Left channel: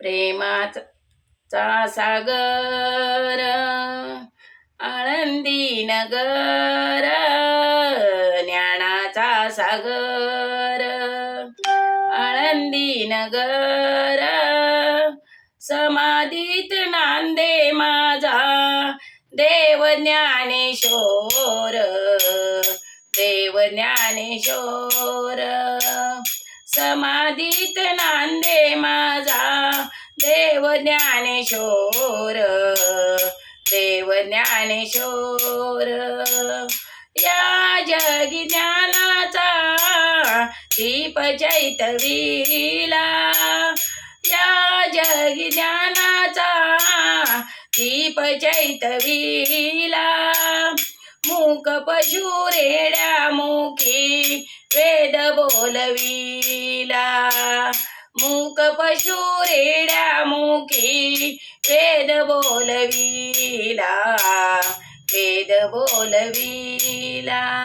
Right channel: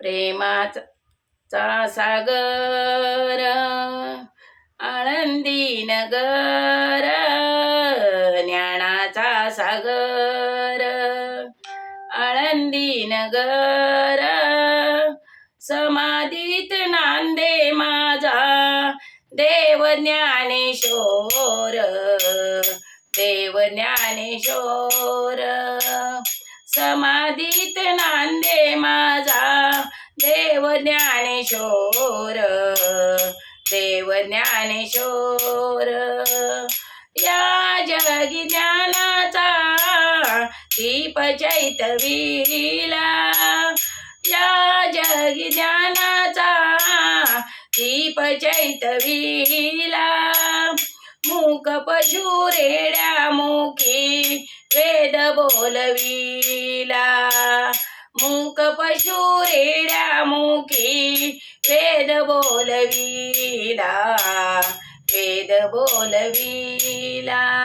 प्रेमाचा सागर आळंदी नगर ज्ञानाचा सागर आळंदी नगर समाधीत नांदे माझा देव ज्ञानेश्वर देव ज्ञानेश्वर समाधीत नांदे ज्ञानेश्वर देव ज्ञानेश्वर या जगी ज्ञानाचा दीप चैतवीला या जगी ज्ञानाचा दीप चैतवीला मूक पशु रेड्या मुखी वेद बोलवीला. मूक पशु रेड्या मुखी वेद बोलविला वेद बोलविला.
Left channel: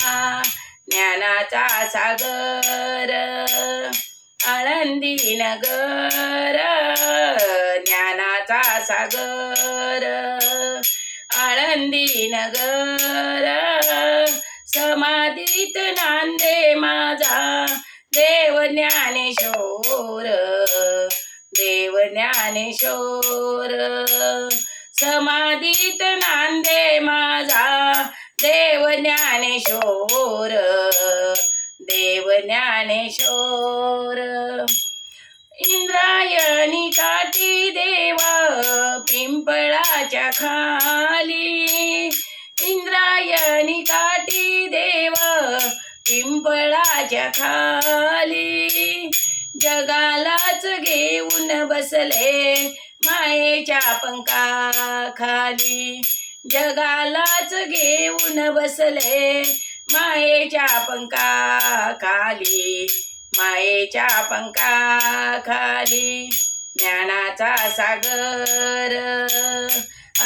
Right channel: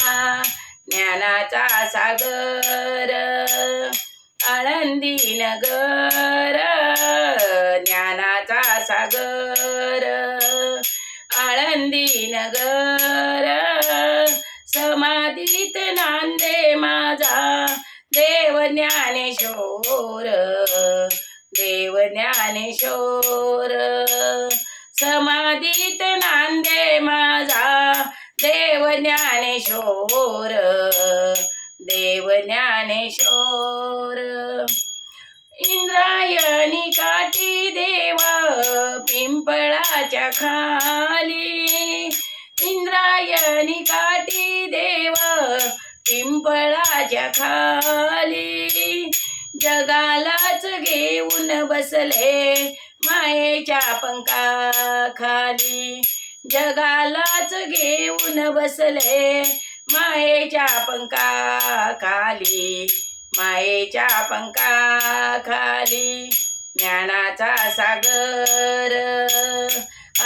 ज्ञानाचा सागर आळंदी नगर ज्ञानाचा सागर आळंदी नगर. ज्ञानेश्वर समाधीत नांदे माझा देव ज्ञानेश्वर देव ज्ञानेश्वर इंद्रायणी काठी देवा पिंपळाच्या खाली. इंद्रायणी काठी देव पिंपळाच्या खाली. जगालाच घेऊन बसले मायेच्या पंखा खाली जगालाच घेऊन बसले मायेच्या पंखा खाली मायेच्या पंखा खाली ज्ञानाचा सागर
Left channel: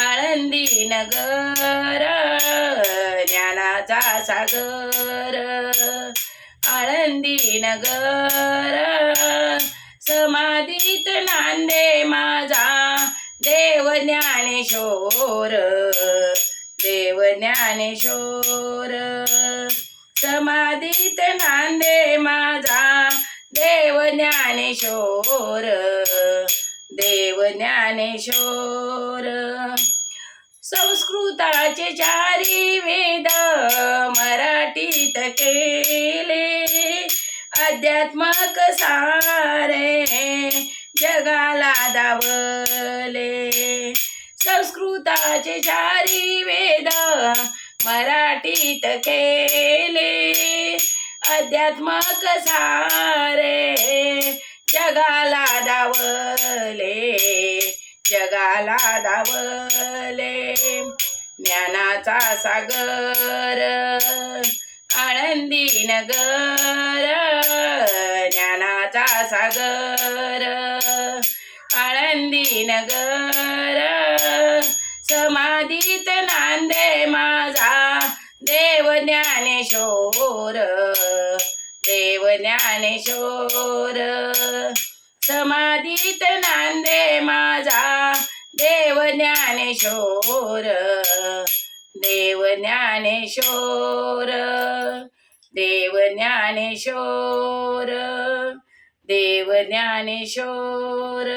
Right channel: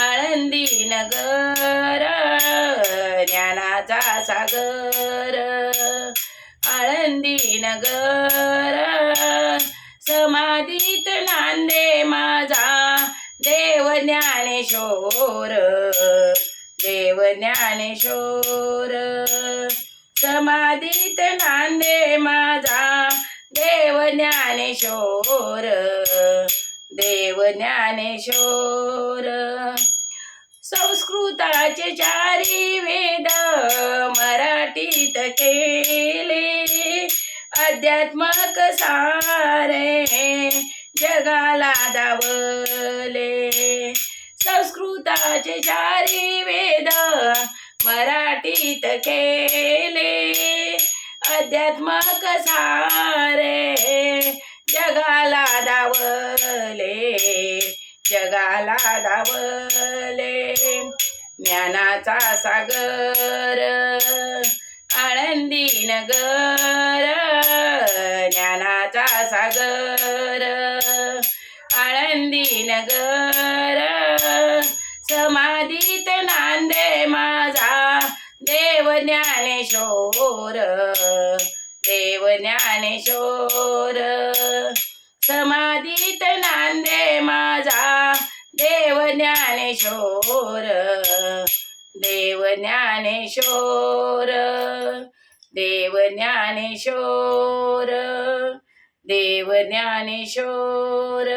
आळंदी नगर ज्ञानाचा सागर. आळंदी नगर समाधीत नांदे माझा देव ज्ञानेश्वर. देव ज्ञानेश्वर. समाधीत नांदे माझा देव ज्ञानेश्वर. देव ज्ञानेश्वर. संस्कृताचे चारी वेद मराठीत केल. अध्यात्मक सारे जगाला दावले. संस्कृताचे चारी वेद मराठीत केले. अध्यात्मक सारे जगाला दावले. जगाला दावले. ज्ञानाचा सागर आनंदी नगर सागर आळंदी नगर समाधीत नांदे माझा देव ज्ञानेश्वर देव ज्ञानेश्वर. समाधीत नांदे माझा देव ज्ञानेश्वर देव ज्ञानेश्वर देव ज्ञानेश्वर. देव ज्ञानेश्वर.